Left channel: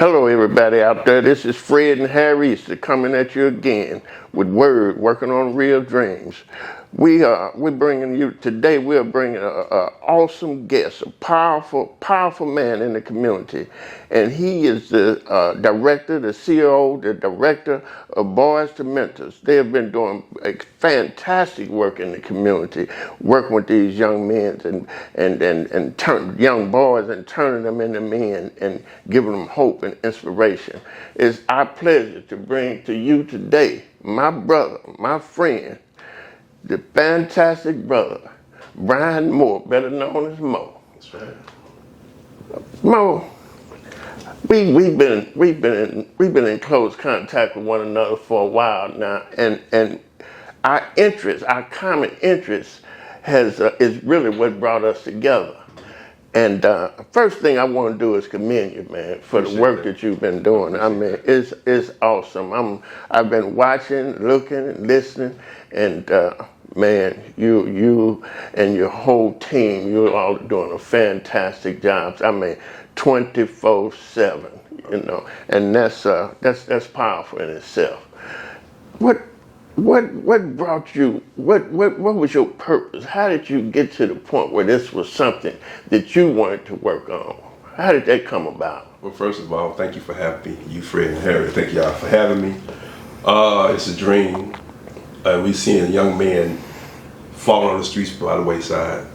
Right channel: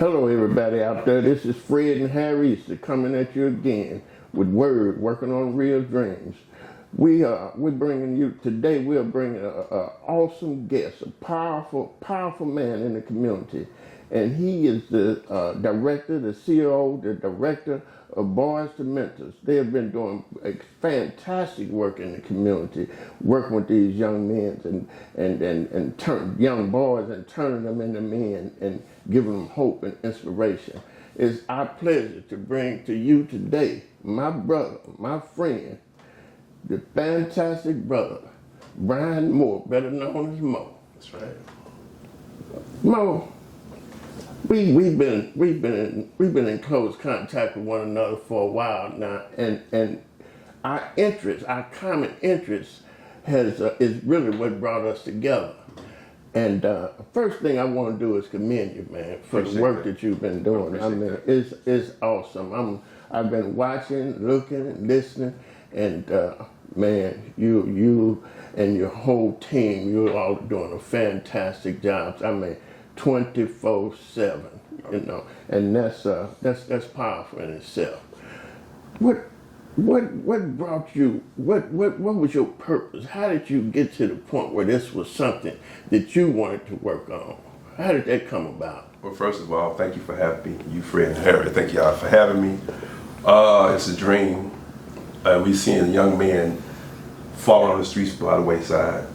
Hello, everybody out there. This is Fred and Harry Easter coming at you again with Word, working on real dreams. We're bringing you today. We're bringing an awesome guest, a powerful man in the community, and he is the director, the CEO, the director of Boys to Mentors. They have been doing a fantastic work in the community, working with these young men and young boys and turning them into men and giving them hope and inspiration. It's our pleasure to bring to you today my brother, my friend, the fantastic brother, Brian Moore, better known as Mo. That's right. Mo, we've been in close contact with one another for a while now, and our common interest is really what brought us together. And first thing I want to do is commend you, man, for the work that you've been doing. I mean, it's awesome. I've been watching, looking, listening, and man, you and your whole team, you're all doing a fantastic job. I mean, 24/7, you know, and that's powerful in itself. What brought you? What was your purpose? How did you get to the point where this was something that you wanted to work on? How did that come about? Well, first of all, thank you for having me. You, Fred and Harry, thank y'all for having me. It's a dream. We seen young men falling on the streets by the wayside.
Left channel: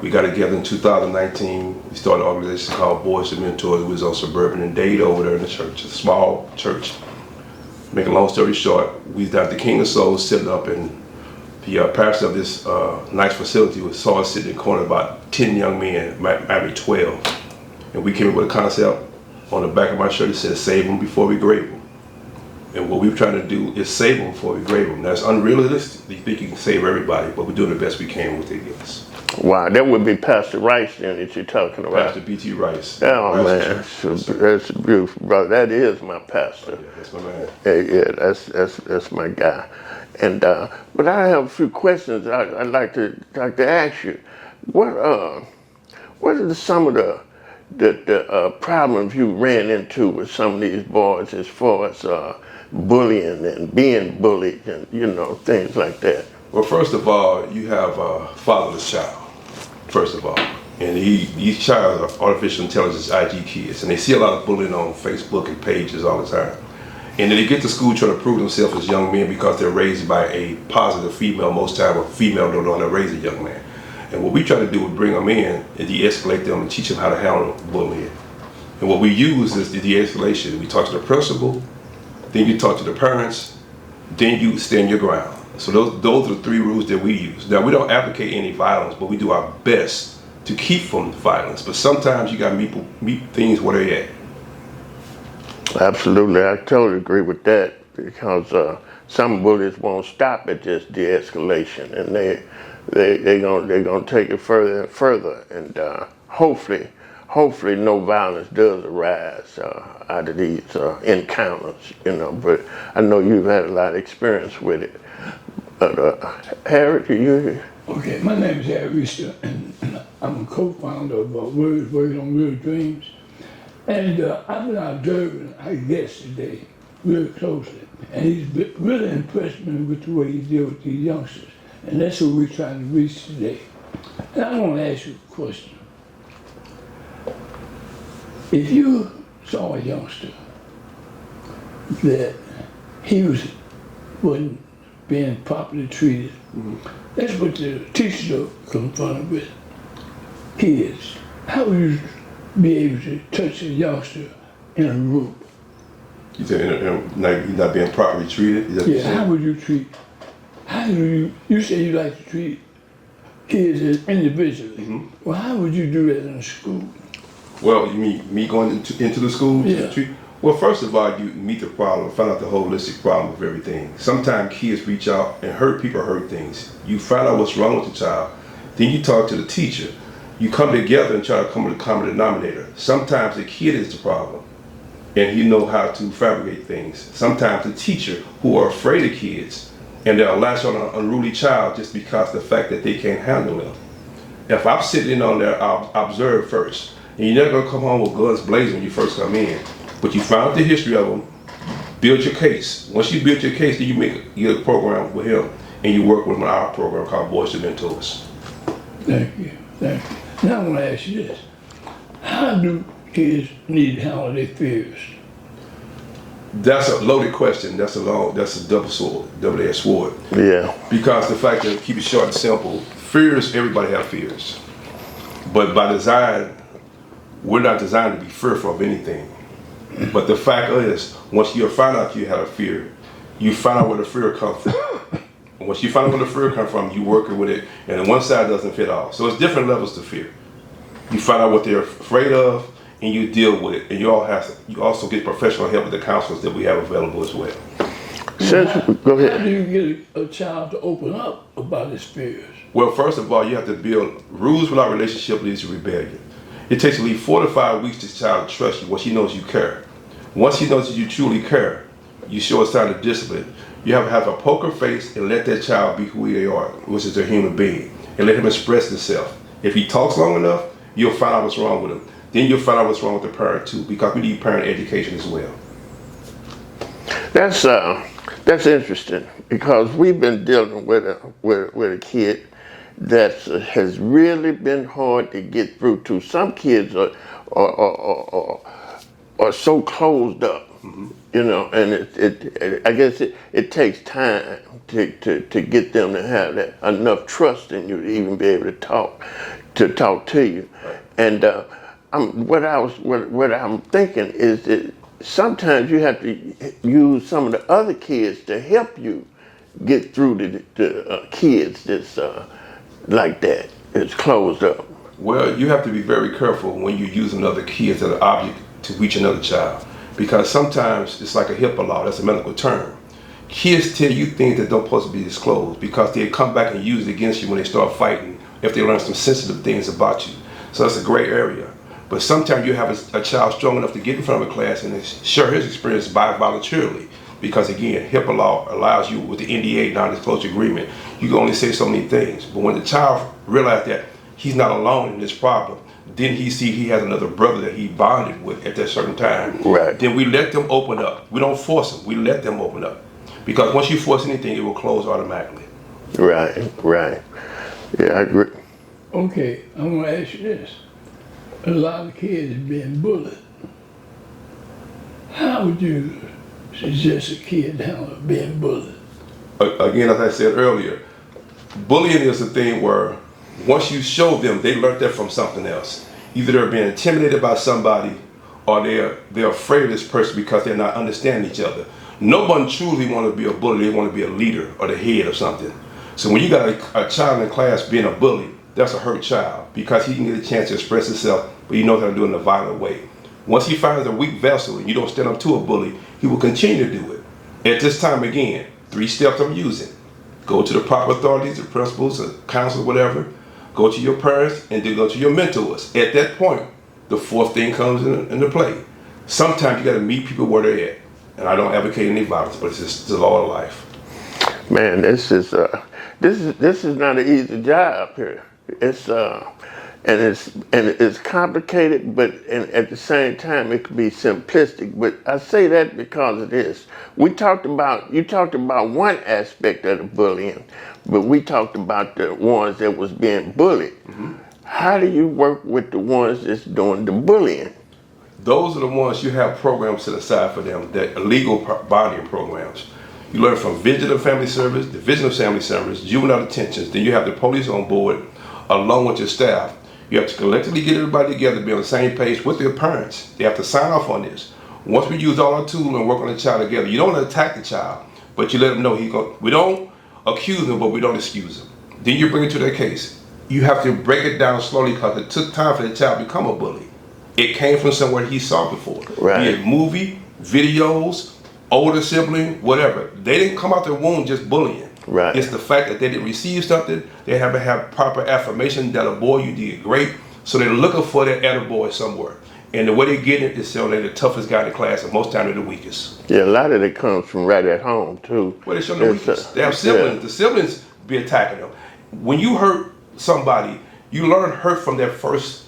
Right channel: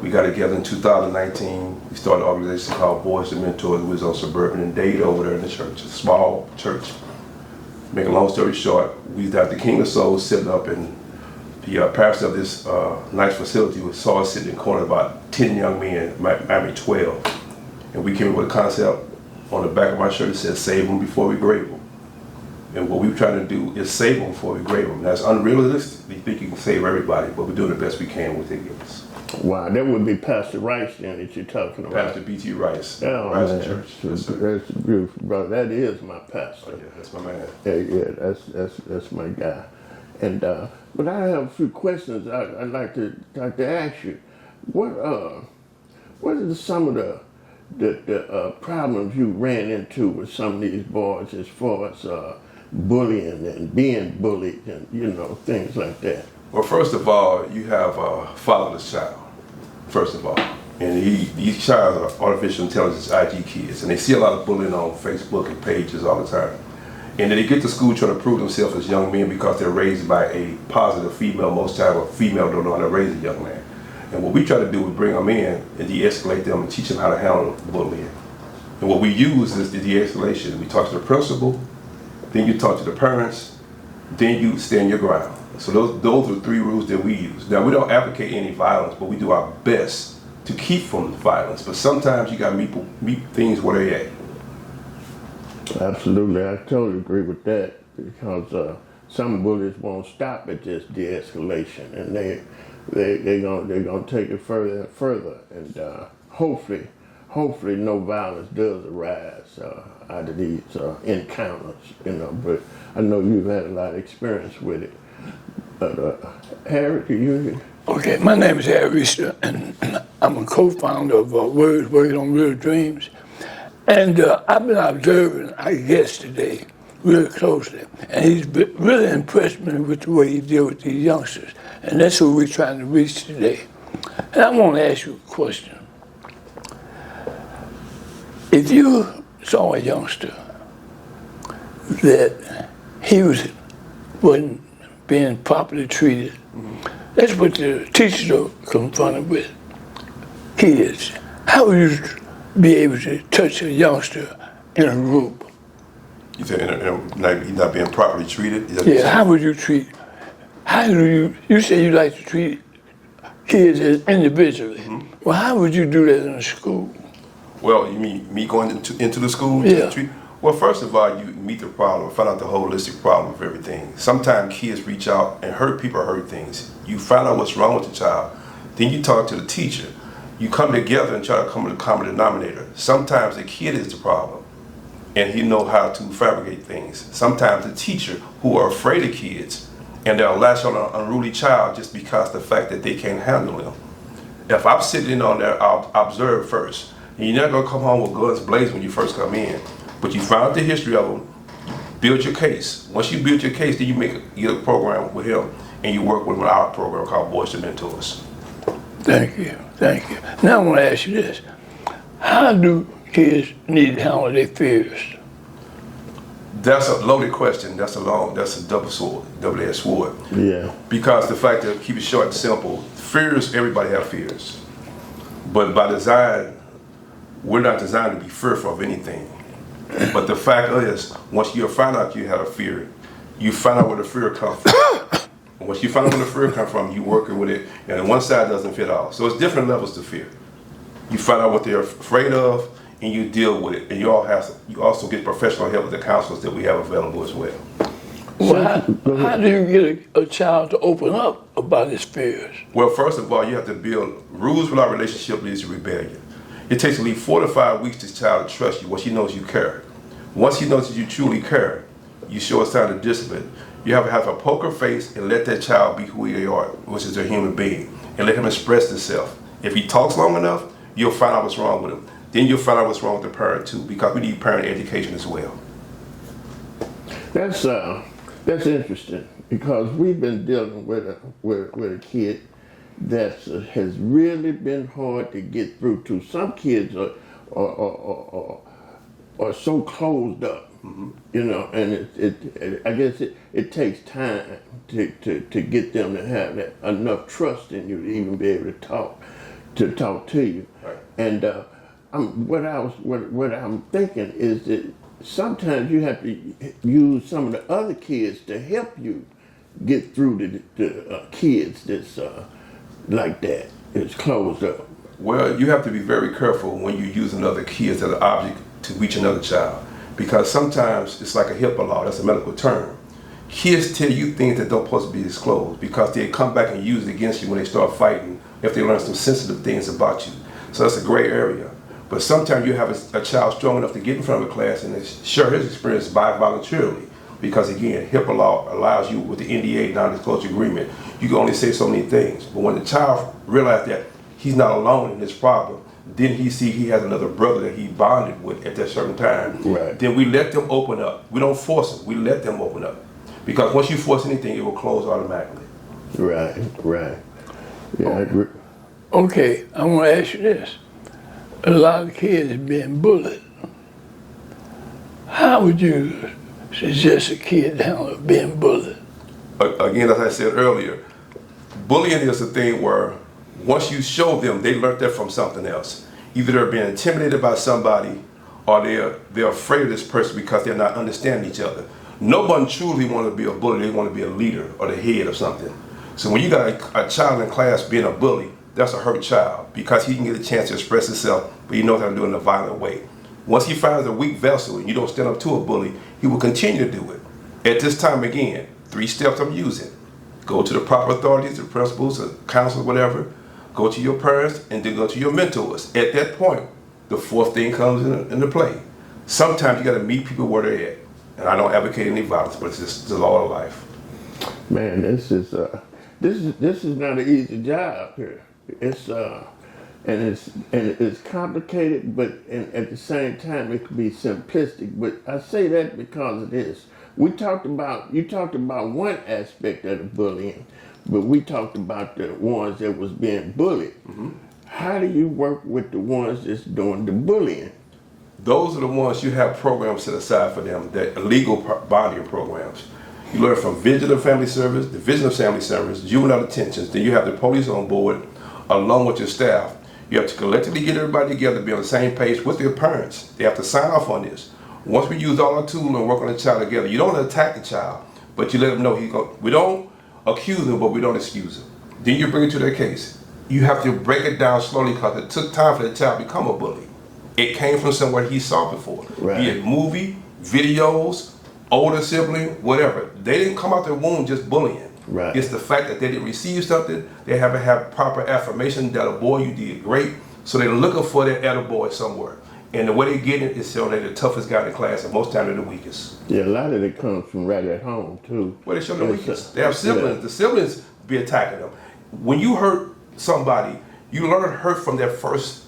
We got together in 2019. We started an organization called Boys to Mentors. We was on Suburban and Dade over there in the church, a small church. Make a long story short, we was at the King of Souls sitting up, and the pastor of this nice facility saw us sitting in the corner, about 10 young men, maybe 12. And we came up with a concept on the back of my shirt that said, "Save them before we grave them." And what we were trying to do is save them before we grave them. That's unrealistic. You think you can save everybody, but we're doing the best we can with it. Yes. Wow, that would be Pastor Rice then that you're talking about. Pastor B.T. Rice. Oh man, that's beautiful, brother. That is my pastor. Oh, yeah, that's my man. Yeah, that's my guy. And but I have a few questions I'd like to ask you. What are some of the problems you ran into with some of these boys as far as bullying and being bullied and, you know, things like that? Well, first of all, you have a fatherless child, first of all. And these child are artificial intelligence IG kids, and they see a lot of bullying on Facebook and pages all the time. And then they get to school trying to prove themselves as young men because they're raised by a positive female. Most times a female don't know how to raise a young man. And what we try to do is bring them in and de-escalate them and teach them how to handle bullying. And what we use is the de-escalation. We talk to the principal, then you talk to the parents, then you stand your ground. So those are the three rules that we use. Now, we don't advocate any violence, but we do our best to keep from violence. But sometimes you got to meet things where they're at. Absolutely, I totally agree with that, because some bullies won't stop at just de-escalation, and they're gonna take it further and further, and hopefully no violence does arise out of these encounters, you know. But I know you've had a lot of experience with it. But Harry, you? Okay, my name is Harry Easter, and I'm a co-founder of Word, working on real dreams. And I've been observing our guest today really closely, and he's really impressed me with the way he deals with these youngsters, and that's who we're trying to reach today. And I want to ask you a question. If you saw a youngster that he wasn't being properly treated, that's what the teachers are confronted with, kids. How would you be able to touch a youngster in a group? You say like he's not being properly treated? Yeah, how would you treat, you say you like to treat kids as individually. Mm-hmm. Well, how would you do that in a school? Well, you mean me going into the school? Yeah. Well, first of all, you meet the problem, find out the holistic problem of everything. Sometimes kids reach out and people hurt things. You find out what's wrong with the child. Then you talk to the teacher. You come together and try to come to the common denominator. Sometimes the kid is the problem, and he know how to fabricate things. Sometimes the teacher, who are afraid of kids, and they'll latch on an unruly child just because of the fact that they can't handle them. If I'm sitting on there, I'll observe first. And you're not gonna come home with guns blazing when you first come in. But you find out the history of them, build your case. Once you build your case, then you make a program with him, and you work with him in our program called Boys to Mentors. Thank you. Thank you. Now I want to ask you this. How do kids need to handle their fears? That's a loaded question. That's a double-edged sword. Yeah. Because the fact that, keep it short and simple, fears, everybody have fears. But by design, we're not designed to be fearful of anything. But the fact is, once you find out you have a fear, you find out where the fear comes from. And once you find out where the fear comes from, you working with it, and one side doesn't fit all. So it's different levels to fear. You find out what they're afraid of, and you deal with it. And you also get professional help with the counselors that we have available as well. How do you get a child to open up about his fears? Well, first of all, you have to build rules without relationship leads to rebellion. It takes at least 4 to 5 weeks this child to trust you once he knows you care. Once he knows that you truly care, you show a sign of discipline. You have to have a poker face and let that child be who they are, which is a human being, and let him express himself. If he talks long enough, you'll find out what's wrong with him. Then you'll find out what's wrong with the parent too, because we need parent education as well. That's interesting, because we've been dealing with a kid that has really been hard to get through to. Some kids are so closed up, you know, and I guess it takes time to get them to have that enough trust in you to even be able to talk to you. Right. And what I'm thinking is that sometimes you have to use some of the other kids to help you get through the kids that's like that. It's closed up. Well, you have to be very careful when you use another kid as an object to reach another child, because sometimes it's like a HIPAA law. That's a medical term. Kids tell you things that don't supposed to be disclosed, because they come back and use it against you when they start fighting if they learn some sensitive things about you. So that's a gray area. But sometimes you have a child strong enough to get in front of a class and share his experience voluntarily. Because again, HIPAA law allows you, with the NDA, non-disclosure agreement, you can only say so many things. But when the child realizes that he's not alone in this problem, then he has another brother that he bonded with at that certain time. Right. Then we let them open up. We don't force them. We let them open up. Because once you force anything, it will close automatically. Right. Yeah, I agree. Okay, I want to ask you this. A lot of kids are being bullied. How would you suggest a kid handle being bullied? Again, as I said earlier, bullying is a thing where once you show them, they learned that from something else. Either they're being intimidated by somebody, or they're afraid of this person because they're not understanding each other. No one truly want to be a bully. They want to be a leader or the head or something. So when you got a child in class being a bully, that's a hurt child, because he can get a chance to express himself, but he knows how to do it in a violent way. Once he finds a weak vessel and you don't stand up to a bully, he will continue to do it. At this time, again, 3 steps I'm using. Go to the proper authorities, the principals, the counselors, whatever. Go to your parents, and then go to your mentors. At that point, the 4th thing comes into play. Sometimes you got to meet people where they're at. And I don't advocate any violence, but it's just the law of life. Man, this is not an easy job here. It's complicated, but at the same time it can be simplistic. But I say that because of this. You talked about one aspect of the bullying, but we talked about the ones that was being bullied. Mm-hmm. How do you work with the ones that's doing the bullying? Those are the ones you have programs set aside for them, that illegal bonding programs. You learn from Vigilant Family Service, Division of Family Service, juvenile detentions. Then you have the police on board, along with your staff. You have to collectively get everybody together, be on the same page with their parents. They have to sign off on this. Once we use all our tools and work on the child together, you don't attack the child, but you let them know we don't accuse them, but we don't excuse them. Then you bring it to their case. You have to break it down slowly, because it took time for the child to become a bully. It came from somewhere he saw before. Right. Be it movie, videos, older sibling, whatever. They didn't come out their womb just bullying. Right. It's the fact that they didn't receive something. They have to have proper affirmation that a boy, you did great. So they're looking for their attaboy somewhere. And the way they get it is saying they're the toughest guy in the class, and most times they're the weakest. Yeah, a lot of it comes from right at home too. Well, they show them the weakest. They have siblings. Yeah. The siblings be attacking them. When you hurt somebody, you learn hurt from their first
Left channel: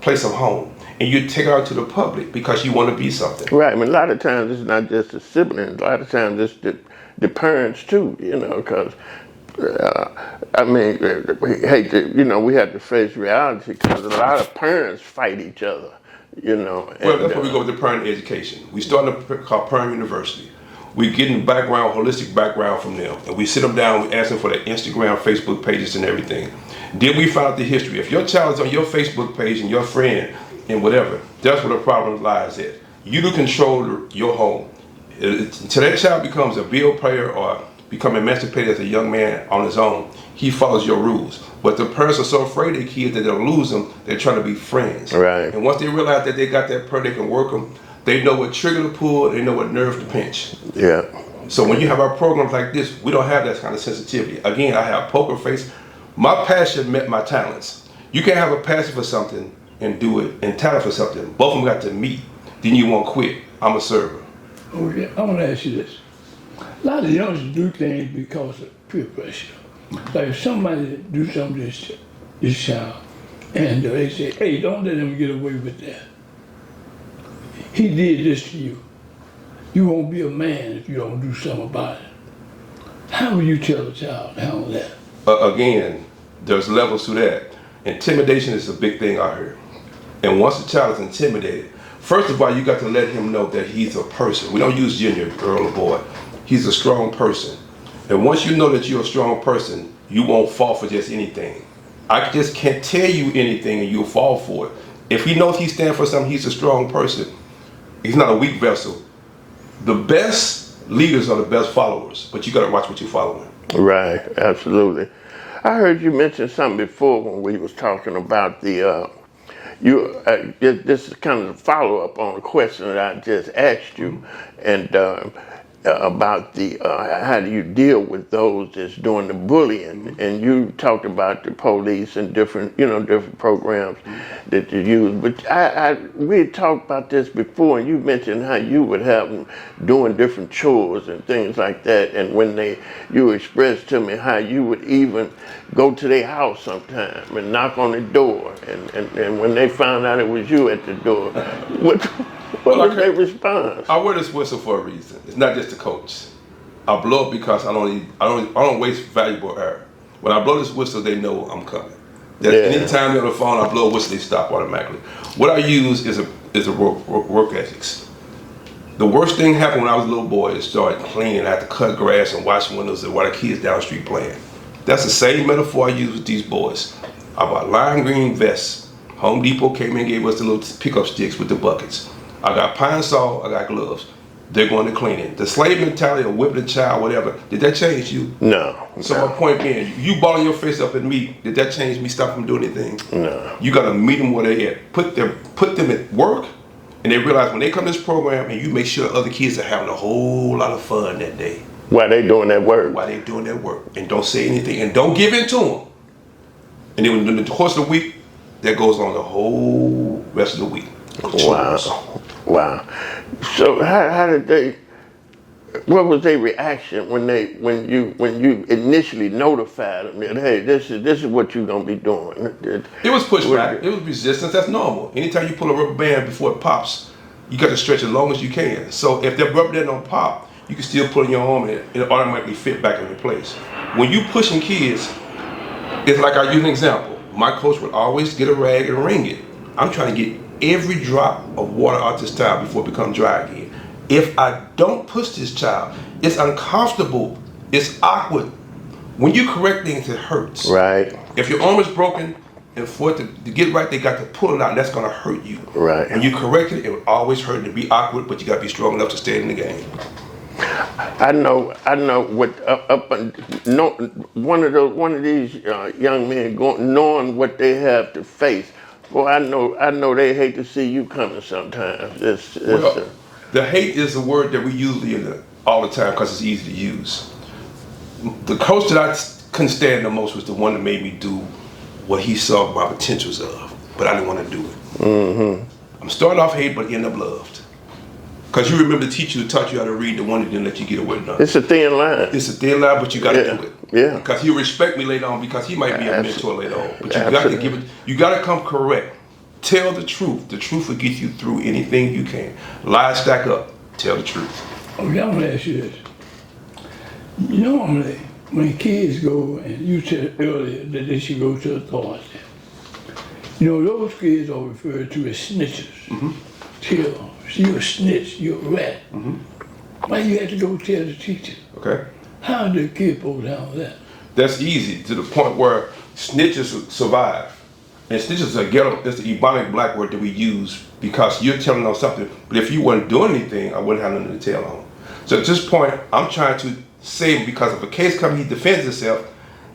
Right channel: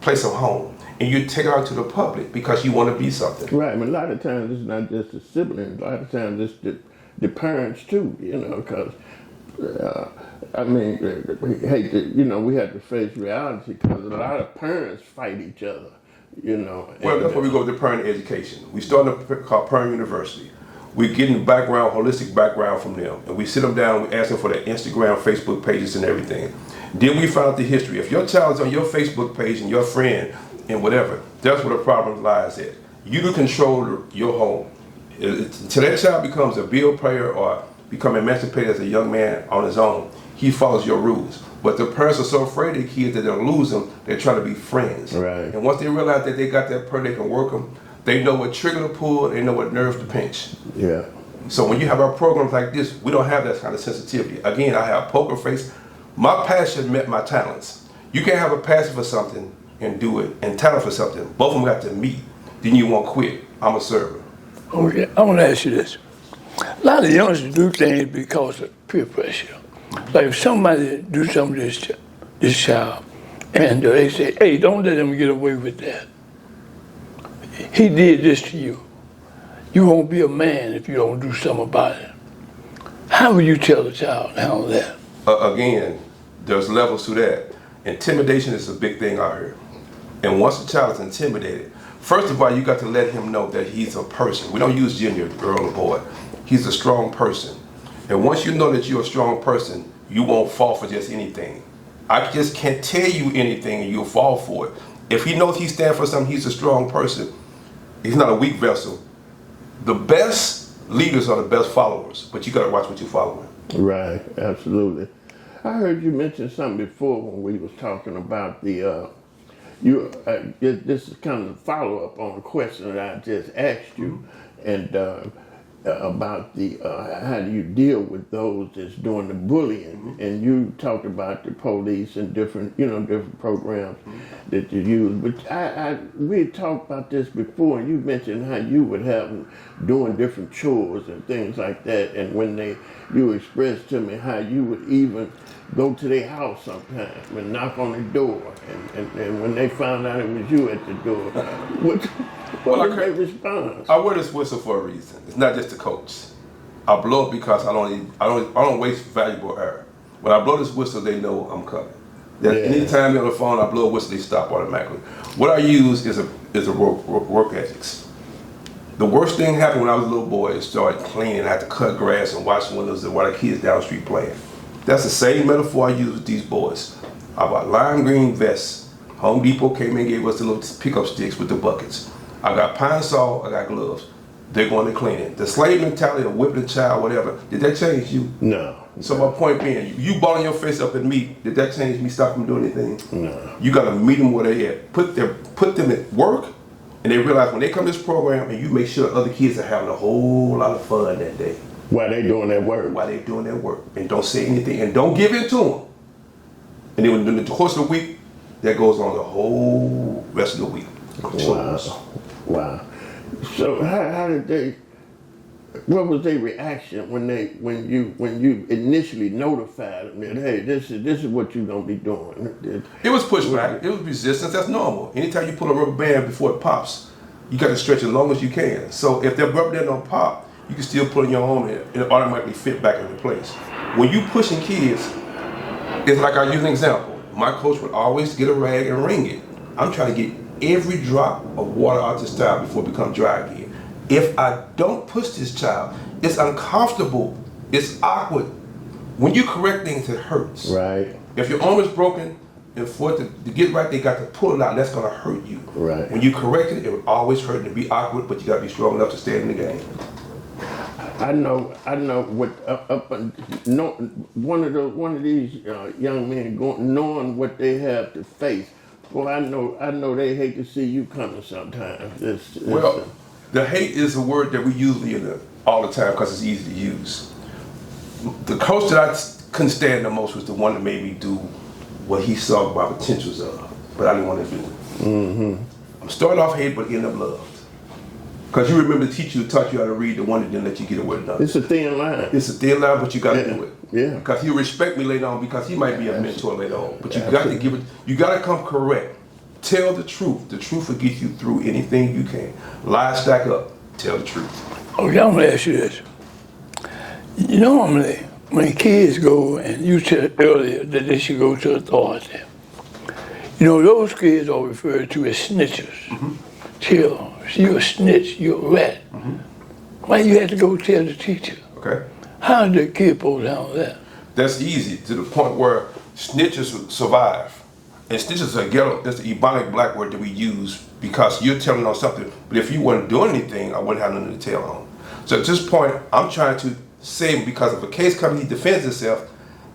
place of home. and you take it out to the public because you want to be something. Right. I mean, a lot of times it's not just the siblings. A lot of times it's the parents too. You know, because I mean, we hate to, you know, we have to face reality because a lot of parents fight each other. You know. Well, that's where we go with the parent education. We start a called Parent University. We get in background, holistic background from them, and we sit them down. We ask them for their Instagram, Facebook pages, and everything. Then we find out the history. If your child is on your Facebook page and your friend and whatever, that's where the problem lies at. You to control your home. Until that child becomes a bill player or become emancipated as a young man on his own, he follows your rules. But the parents are so afraid of the kids that they'll lose them, they're trying to be friends. Right. And once they realize that they got that person, they can work them, they know what trigger to pull, they know what nerve to pinch. Yeah. So when you have our programs like this, we don't have that kind of sensitivity. Again, I have poker face. My passion met my talents. You can't have a passion for something and do it, and talent for something. Both of them got to meet. Then you won't quit. I'm a server. Okay, I want to ask you this. A lot of youngsters do things because of peer pressure. Like if somebody do something to this child, and they say, hey, don't let him get away with that. He did this to you. You won't be a man if you don't do something about it. How would you tell the child to handle that? Again, there's levels to that. Intimidation is a big thing out here. And once the child is intimidated, first of all, you got to let him know that he's a person. We don't use gender, girl or boy. He's a strong person. And once you know that you're a strong person, you won't fall for just anything. I just can't tell you anything and you'll fall for it. If he knows he stands for something, he's a strong person. He's not a weak vessel. The best leaders are the best followers, but you got to watch what you're following. Right. Absolutely. I heard you mention something before when we was talking about the. This is kind of a follow up on a question that I just asked you, and about the how do you deal with those that's doing the bullying, and you talked about the police and different different programs that you use. But we had talked about this before, and you mentioned how you would have them doing different chores and things like that, and when you expressed to me how you would even go to their house sometime and knock on the door, and when they found out it was you at the door, what was their response? I wear this whistle for a reason. It's not just to coach. I blow it because I don't waste valuable air. When I blow this whistle, they know I'm coming. That anytime they're on the phone, I blow a whistle, they stop automatically. What I use is a work ethics. The worst thing happened when I was a little boy. It started cleaning. I had to cut grass and wash windows and while the kids down the street playing. That's the same metaphor I use with these boys. I bought lime green vests. Home Depot came in and gave us the little pickup sticks with the buckets. I got pine saw, I got gloves. They're going to cleaning. The slave mentality of whipping a child, whatever, did that change you? No. So my point being, you balling your face up at me, did that change me, stop them doing anything? No. You got to meet them where they at. Put them at work, and they realize when they come to this program, and you make sure other kids are having a whole lot of fun that day. While they doing that work. While they doing that work. And don't say anything, and don't give in to them. And then in the course of the week, that goes on the whole rest of the week. Wow. So how did they? What was their reaction when you initially notified them that, hey, this is what you're gonna be doing? It was pushback. It was resistance. That's normal. Anytime you pull a rubber band before it pops, you got to stretch as long as you can. So if that rubber band don't pop, you can still pull in your arm and it automatically fit back into place. When you pushing kids, it's like, I'll use an example. My coach would always get a rag and wring it. I'm trying to get every drop of water out this child before it becomes dry again. If I don't push this child, it's uncomfortable, it's awkward. When you correct things, it hurts. Right. If your arm is broken, and for it to get right, they got to pull it out, and that's gonna hurt you. Right. When you correct it, it will always hurt and be awkward, but you gotta be strong enough to stay in the game. I know what one of these young men knowing what they have to face. Well, I know they hate to see you coming sometimes. The hate is a word that we use all the time because it's easy to use. The coach that I couldn't stand the most was the one that made me do what he saw my potentials of, but I didn't want to do it. Mm-hmm. I'm starting off hate, but end up loved. Because you remember the teacher who taught you how to read, the one that didn't let you get away with nothing. It's a thin line. It's a thin line, but you got to do it. Yeah. Because he'll respect me later on because he might be a mentor later on. But you got to give it. You got to come correct Tell the truth. The truth will get you through anything you can. Lies stack up. Tell the truth. Okay, I'm gonna ask you this. Normally, when kids go, and you said earlier that they should go to authority, those kids are referred to as snitchers. Tell, you're a snitch, you're a rat. Why you had to go tell the teacher? Okay? How did the kid supposed to handle that? That's easy to the point where snitches survive. And snitches are ghetto. That's the Ebonic black word that we use because you're telling on something. But if you weren't doing anything, I wouldn't have nothing to tell on. So at this point, I'm trying to save him because if a case comes, he defends himself.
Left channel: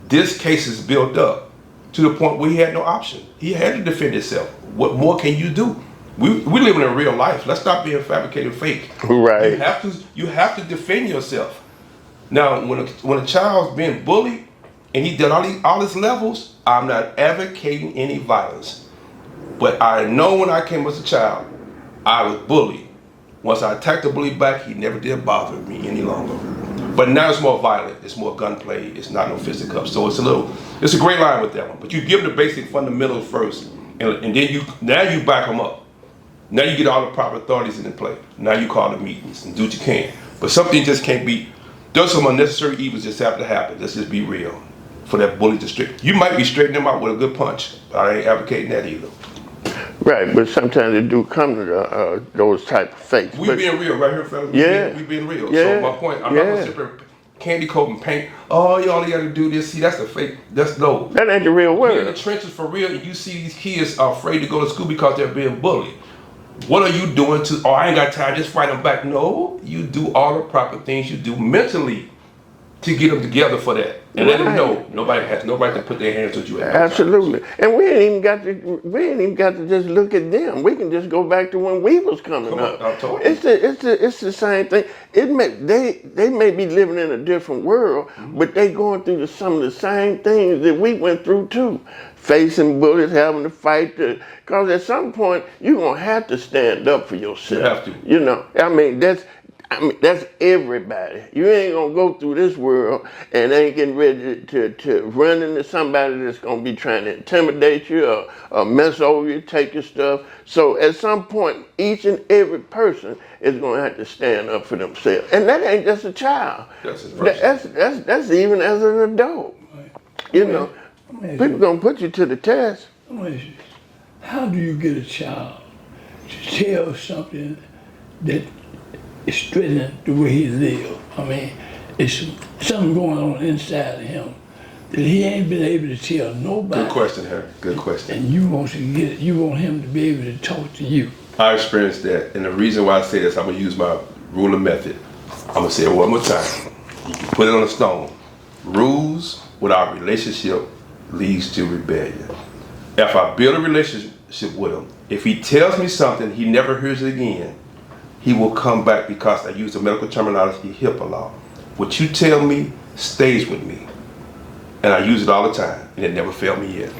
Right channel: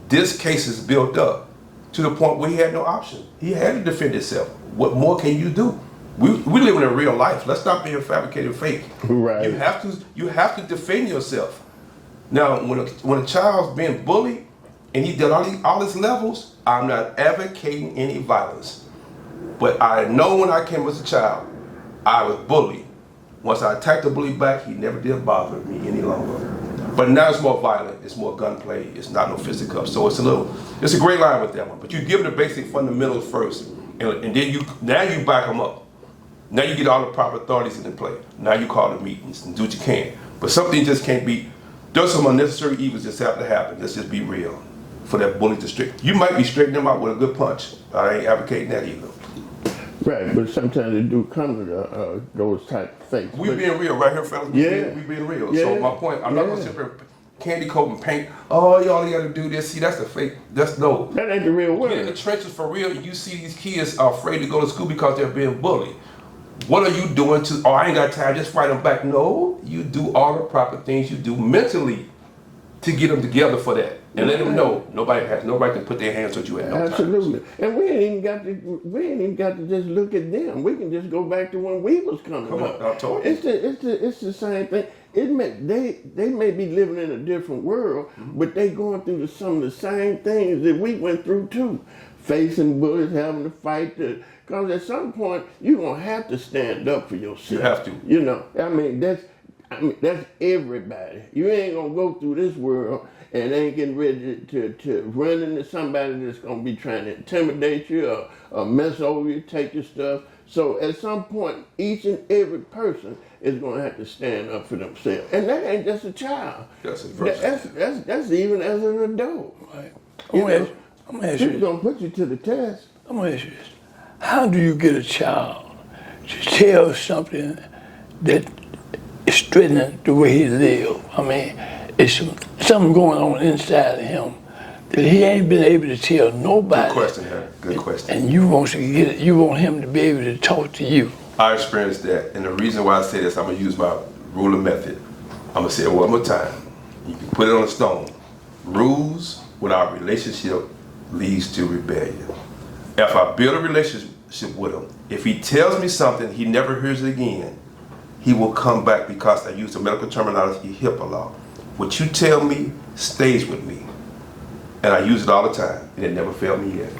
This case is built up to the point where he had no option. He had to defend himself. What more can you do? We living in real life. Let's stop being fabricated fake. Right. You have to defend yourself. Now, when a child's being bullied and he did all his levels, I'm not advocating any violence. But I know when I came as a child, I was bullied. Once I attacked the bully back, he never did bother me any longer. But now it's more violent. It's more gunplay. It's not no fisticuffs. So it's a great line with that one. But you give them the basic fundamentals first, and then you back them up. Now you get all the proper authorities in play. Now you call the meetings and do what you can. But something just can't be. There's some unnecessary evils just have to happen. Let's just be real. For that bully to straight, you might be straightening them out with a good punch. I ain't advocating that either. Right, but sometimes they do come to those type of fakes. We being real right here, fellas. Yeah. We being real. Yeah. So my point, I'm not gonna sit there and candy coat and paint. Oh, y'all gotta do this. See, that's a fake. That's no. That ain't the real You're in the world. trenches for real. And you see these kids are afraid to go to school because they're being bullied. What are you doing to? Oh, I ain't got time. Just fight them back. No, you do all the proper things you do mentally to get them together for that. And let them know nobody has no right to put their hands on you. At no time. Absolutely, and we ain't even got to just look at them. We can just go back to when we was coming up. I told you. It's the same thing. They may be living in a different world, but they going through some of the same things that we went through too, facing bullies, having to fight. Because at some point you're gonna have to stand up for yourself. You have to. That's everybody. You ain't gonna go through this world and ain't getting ready to run into somebody that's gonna be trying to intimidate you or mess over you, take your stuff. So at some point, each and every person is gonna have to stand up for themselves. And that ain't just a child. That's a person. That's even as an adult. Right. You know, I'm gonna ask people you, gonna put you to the test. I'm gonna ask you this. How do you get a child to tell something that is threatening the way he lives? I mean, it's something going on inside of him that he ain't been able to tell nobody. Good question, Harry. Good question. And you want to get it. You want him to be able to talk to you. I experienced that, and the reason why I say this, I'm gonna use my ruler method. I'm gonna say it one more time. You can put it on a stone. Rules without relationship leads to rebellion. If I build a relationship with him, if he tells me something, he never hears it again, he will come back because I use the medical terminology HIPAA law. What you tell me stays with me. And I use it all the time, and it never failed me yet.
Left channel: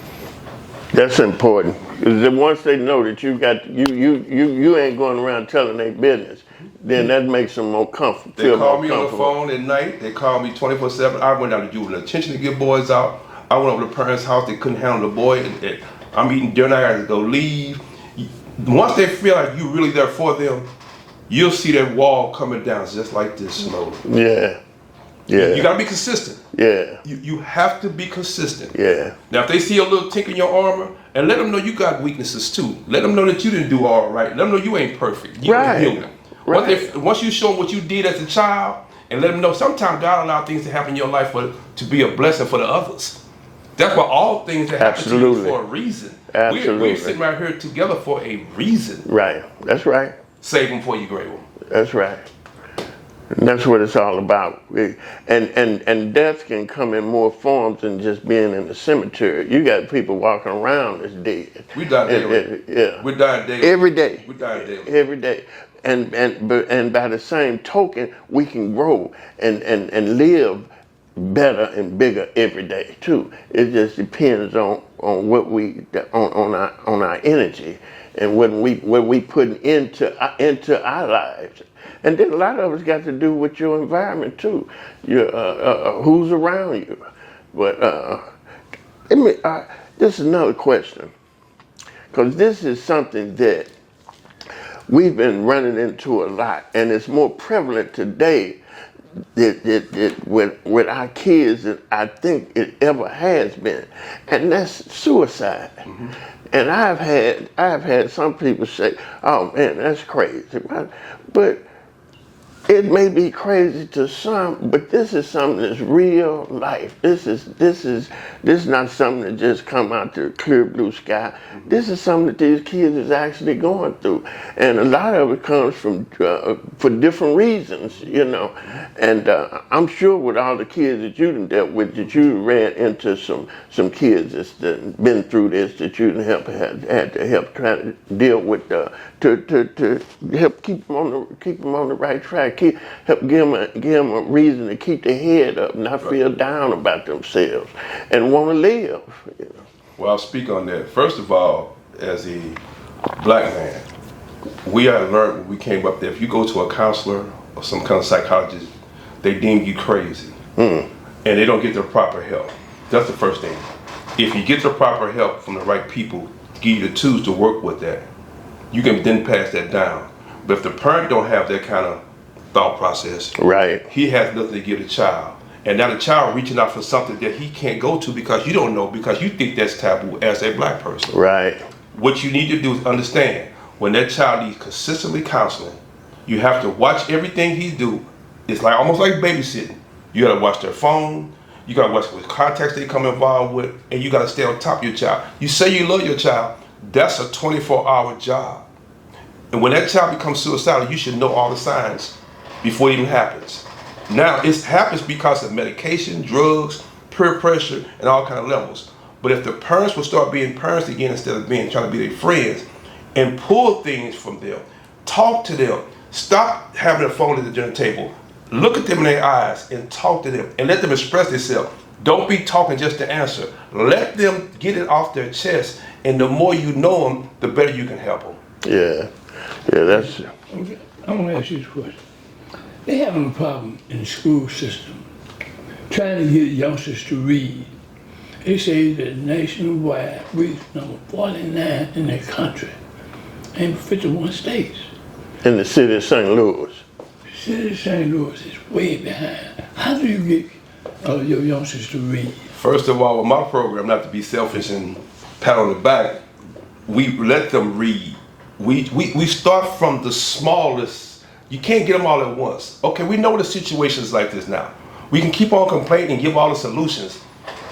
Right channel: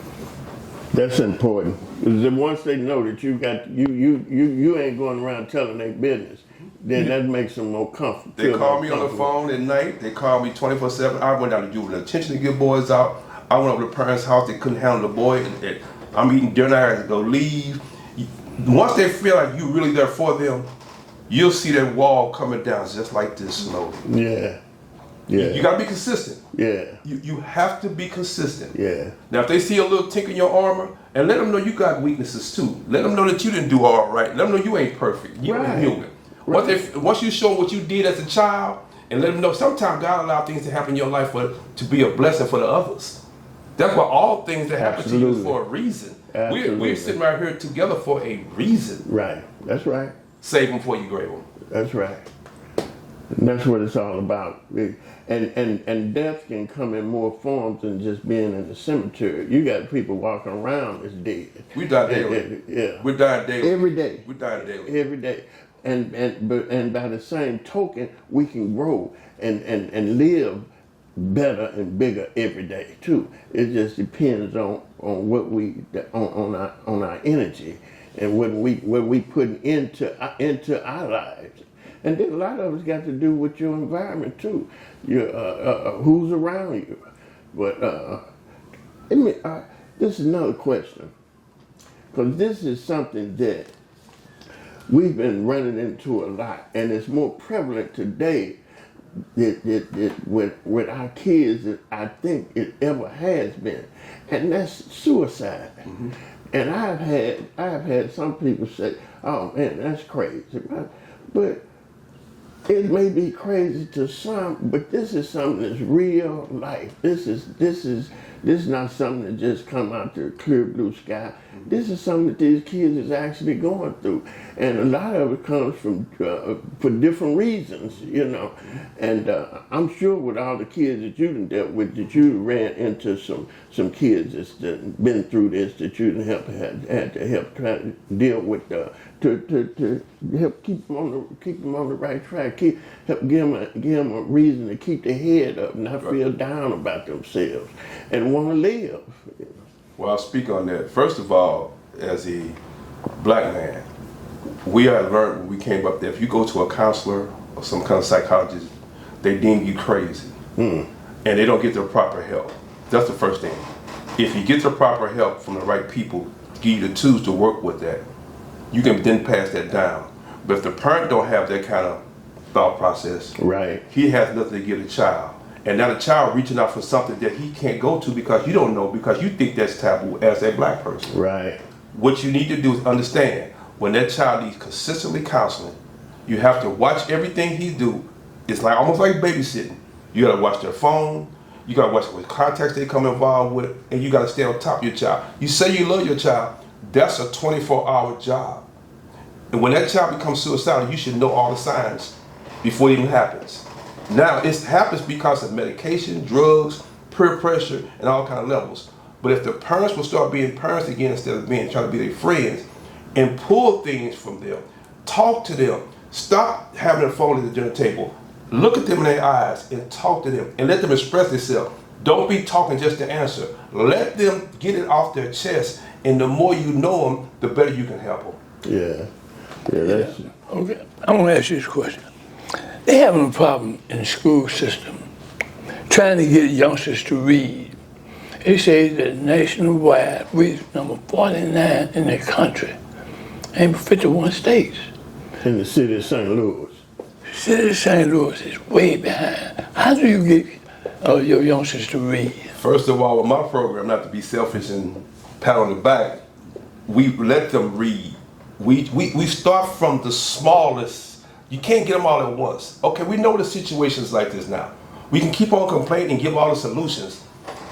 That's important. 'Cause then once they know that you ain't going around telling their business, then that makes them more comfortable. They call me on the phone at night. They call me 24/7. I went down to juvenile attention to get boys out. I went over to the parents' house. They couldn't handle the boy. And I'm eating dinner. I had to go leave. Once they feel like you're really there for them, you'll see that wall coming down just like this slowly. Yeah. Yeah. You gotta be consistent. Yeah. You have to be consistent. Yeah. Now, if they see a little tink in your armor, and let them know you got weaknesses too. Let them know that you didn't do all right. Let them know you ain't perfect. You Right. ain't human. Once you show them what you did as a child, and let them know sometimes God allows things to happen in your life to be a blessing for the others. That's why all things that happen to you Absolutely. is for a reason. Absolutely. We're sitting right here together for a reason. Right. That's right. Save them for you, great one. That's right. And that's what it's all about. And death can come in more forms than just being in the cemetery. You got people walking around that's dead. We die daily. Yeah. We're dying daily. Every day. We're dying daily. Every day. And by the same token, we can grow and live better and bigger every day too. It just depends on what on our energy and what we put into our lives. And then a lot of it's got to do with your environment too. Who's around you. But this is another question. because this is something that we've been running into a lot, and it's more prevalent today with our kids than I think it ever has been, and that's suicide. And I've had some people say, "Oh man, that's crazy," but it may be crazy to some, but this is something that's real life. This is not something that just come out to clear blue sky. This is something that these kids is actually going through, and a lot of it comes from for different reasons, you know. And I'm sure with all the kids that you done dealt with, that you ran into some kids that's been through this, that you done had to help try to deal with to help keep them on the right track, help give them a reason to keep their head up, not feel down about themselves, and want to live. You know. Well, I'll speak on that. First of all, as a black man, we had learned when we came up there, if you go to a counselor or some kind of psychologist, they deem you crazy. And they don't get the proper help. That's the first thing. If you get the proper help from the right people to give you the tools to work with that, you can then pass that down. But if the parent don't have that kind of thought process, Right. he has nothing to give the child. And now the child reaching out for something that he can't go to because you don't know, because you think that's taboo as a black person. Right. What you need to do is understand, when that child needs consistently counseling, you have to watch everything he do. It's like almost like babysitting. You gotta watch their phone, you gotta watch what contacts they come involved with, and you gotta stay on top of your child. You say you love your child, that's a 24-hour job. And when that child becomes suicidal, you should know all the signs before it even happens. Now, it happens because of medication, drugs, peer pressure, and all kind of levels. But if the parents will start being parents again instead of trying to be their friends, and pull things from them, talk to them, stop having a phone at the dinner table, look at them in their eyes and talk to them and let them express themselves. Don't be talking just to answer. Let them get it off their chest, and the more you know them, the better you can help them. Yeah. Yeah, that's Okay, I want to ask you this question. They having a problem in the school system trying to get youngsters to read. They say that nationwide, we're number 49 in the country, and 51 states. in the city of St. Louis. The city of St. Louis is way behind. How do you get your youngsters to read? First of all, with my program, not to be selfish and pat on the back, we let them read. We start from the smallest. You can't get them all at once. Okay, we know the situations like this now. We can keep on complaining and give all the solutions,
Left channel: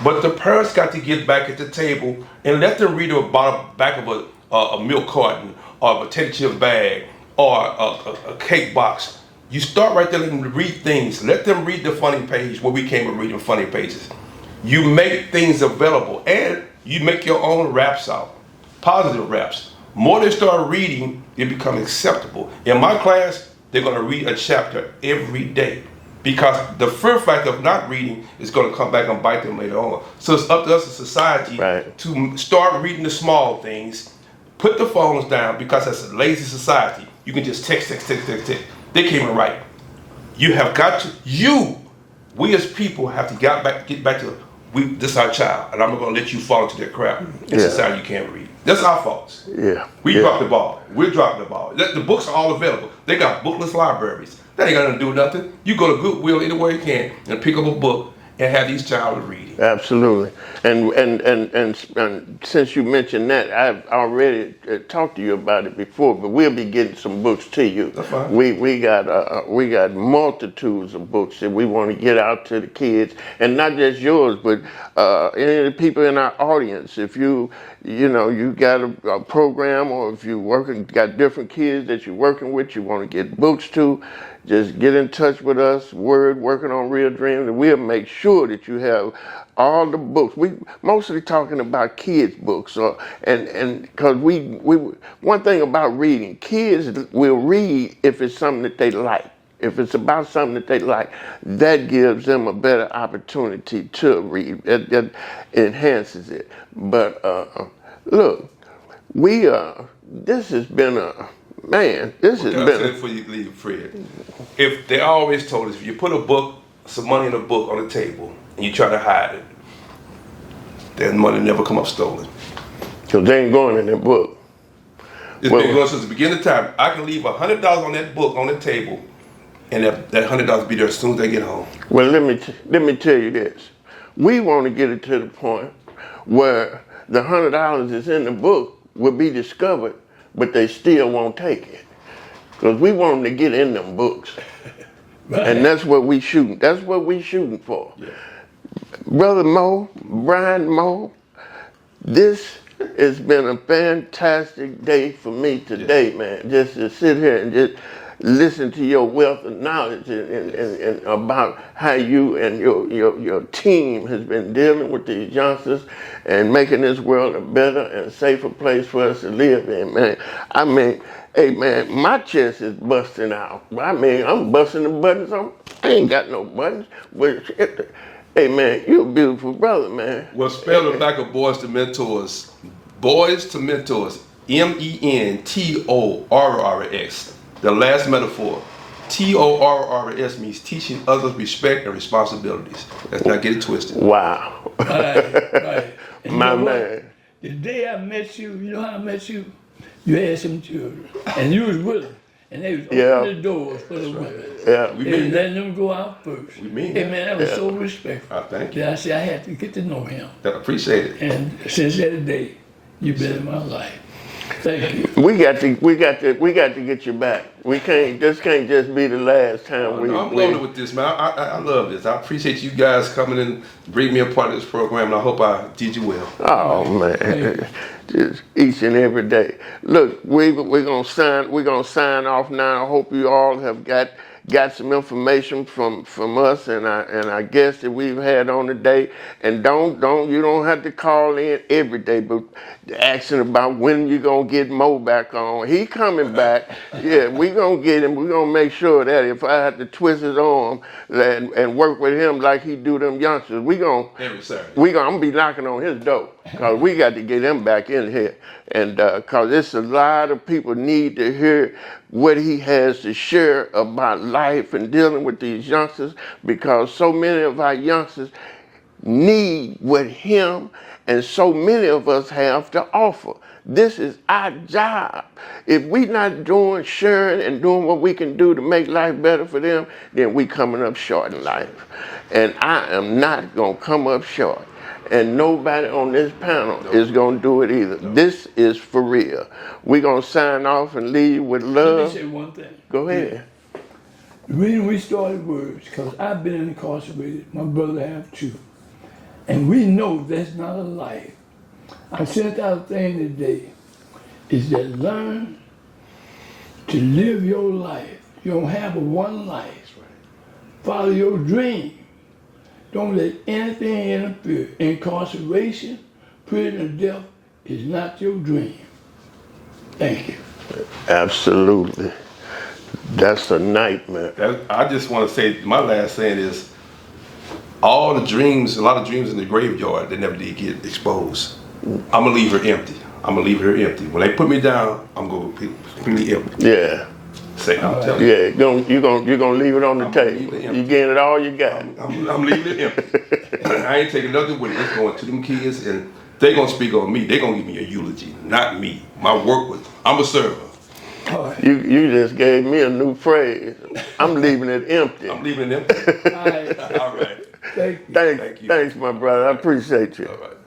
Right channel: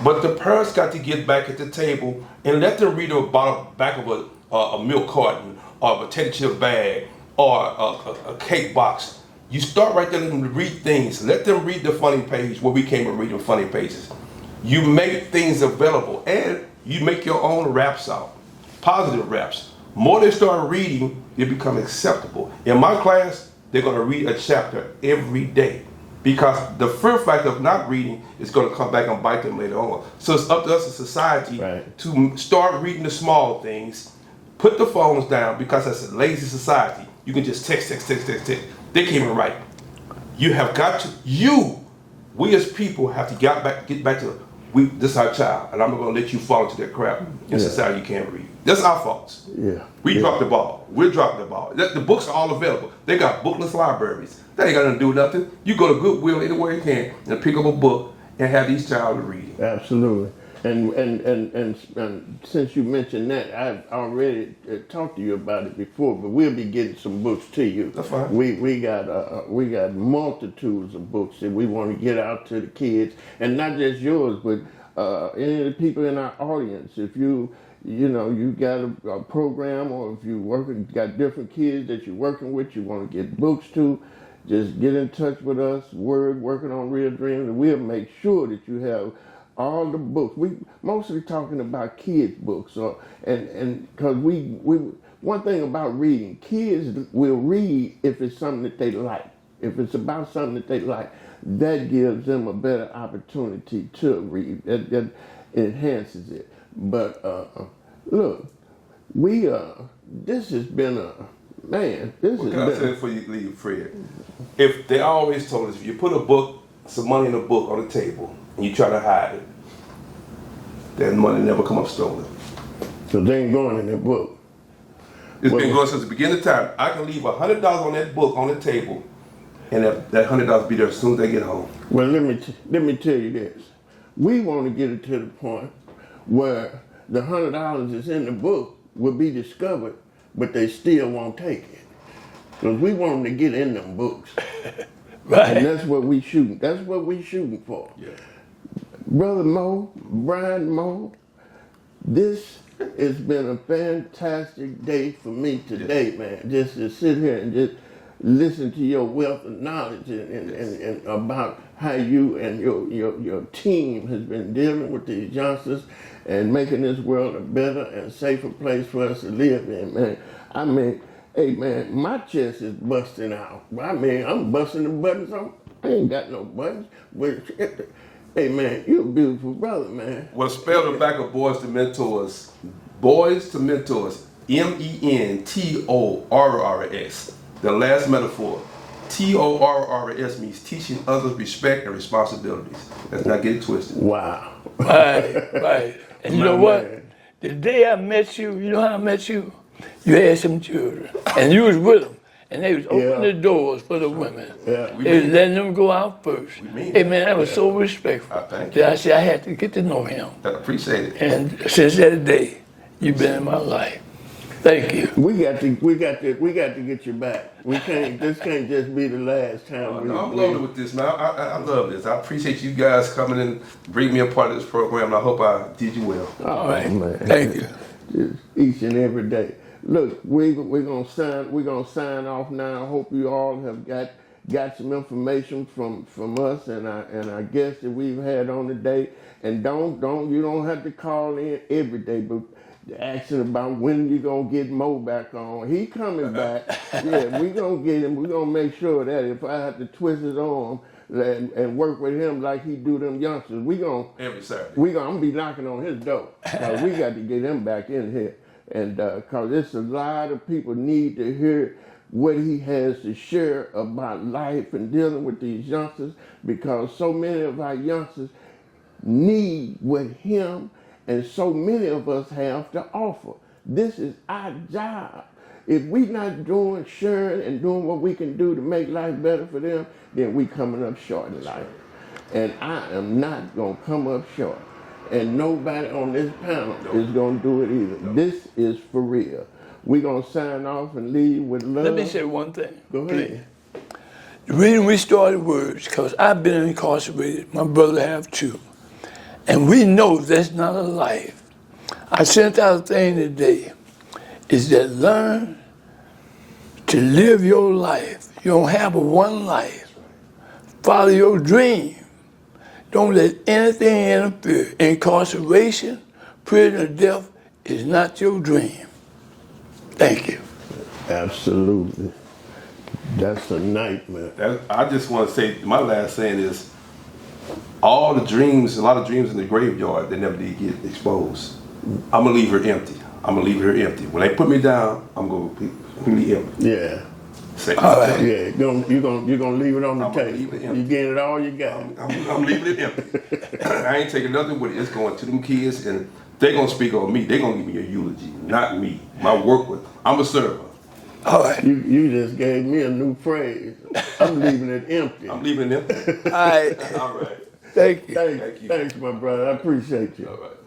but the parents got to get back at the table and let them read about the back of a milk carton or a potato chip bag or a cake box. You start right there, let them read things. Let them read the funny page where we came up reading funny pages. You make things available, and you make your own raps out, positive raps. More they start reading, it becomes acceptable. In my class, they're gonna read a chapter every day, because the fear factor of not reading is gonna come back and bite them later on. So it's up to us as a society to start reading the small things, put the phones down, because as a lazy society, you can just text. They can't even write. You have got to, we as people have to get back to, this is our child, and I'm not gonna let you fall into that crap in society you can't read. That's our fault. We dropped the ball. We're dropping the ball. The books are all available. They got bookless libraries. That ain't gonna do nothing. You go to Goodwill anywhere you can and pick up a book and have these child reading. Absolutely. And since you mentioned that, I've already talked to you about it before, but we'll be getting some books to you. That's fine. We got multitudes of books that we want to get out to the kids, and not just yours, but any of the people in our audience. If you got a program, or if you got different kids that you're working with, you want to get books to, just get in touch with us, Working on Real Dreams, and we'll make sure that you have all the books. We mostly talking about kids' books, and because we one thing about reading, kids will read if it's something that they like. If it's about something that they like, that gives them a better opportunity to read. It enhances it. But look, this has been this has Can I been. say before you leave, Fred? If they always told us, if you put some money in a book on the table and you try to hide it, that money never come up stolen. Because they ain't going in that book. It's Well- been going since the beginning of time. I can leave $100 on that book on the table, and that $100 be there as soon as they get home. Well, let me tell you this. We want to get it to the point where the $100 that's in the book will be discovered, but they still won't take it. Because we want them to get in them books. Right. And that's what we shooting. That's what we shooting for. Yeah. Brother Mo, Brian Mo, this has been a fantastic day for me today, man. Just to sit here and just listen to your wealth of knowledge and about how you and your team has been dealing with these youngsters and making this world a better and safer place for us to live in, man. I mean, hey, man, my chest is busting out. I mean, I'm busting the buttons. I ain't got no buttons. But, hey, man, you're a beautiful brother, man. Well, spell the back of Boys to Mentors. Boys to Mentors. MENTORRS. The last metaphor. TORRS means teaching others respect and responsibilities. Let's not get it twisted. Wow. Right. And you My know what? man. The day I met you, you know how I met you? You had some children, and you was with them, and they was opening Yeah. the doors for the women. Yeah. They was letting them go out first. mean Hey that. man, that was so respectful. Thank That I said I had to get to know him. I appreciate it. And since that day, you've been in my life. Thank you. We got to get you back. This can't just be the last time I'm loaded with this, man. I love this. I appreciate you guys coming in, bring me a part of this program, and I hope I did you well. Oh man. Thank you. Just each and every day. Look, we're gonna sign off now. I hope you all have got some information from us and our guests that we've had on today. And you don't have to call in every day, but asking about when you gonna get Mo back on. He coming back. Yeah, we gonna get him. We gonna make sure that if I have to twist his arm and work with him like he do them youngsters, we gonna Every Saturday. I'm gonna be knocking on his door because we got to get him back in here, and because it's a lot of people need to hear what he has to share about life and dealing with these youngsters, because so many of our youngsters need what him and so many of us have to offer. This is our job. If we not sharing and doing what we can do to make life better for them, then we coming up short in life. And I am not gonna come up short. And nobody on this panel is gonna do it either. This is for real. We're gonna sign off and leave with Let me love. say one thing. Go ahead. The reason we started Words, because I've been incarcerated. My brother have too. And we know that's not a life. I sent out a thing today, is that learn to live your life. You don't have but one life. Follow your dream. Don't let anything interfere. Incarceration, prison, or death is not your dream. Thank you. Absolutely. That's a nightmare. I just want to say, my last saying is, all the dreams, a lot of dreams in the graveyard, they never did get exposed. I'm gonna leave her empty. I'm gonna leave her empty. When they put me down, I'm gonna be completely empty. Yeah. Say, right. Yeah, you're gonna leave it on the I'm table. leaving it empty. You getting it all you got. I'm leaving it empty. I ain't taking nothing with it. It's going to them kids, and they're gonna speak on me. They're gonna give me a eulogy, not me. My work was, I'm a server. All right. You just gave me a new phrase. I'm leaving it empty. I'm leaving it empty. All right. All right. Thank you. Thanks, my brother. I appreciate you. All right.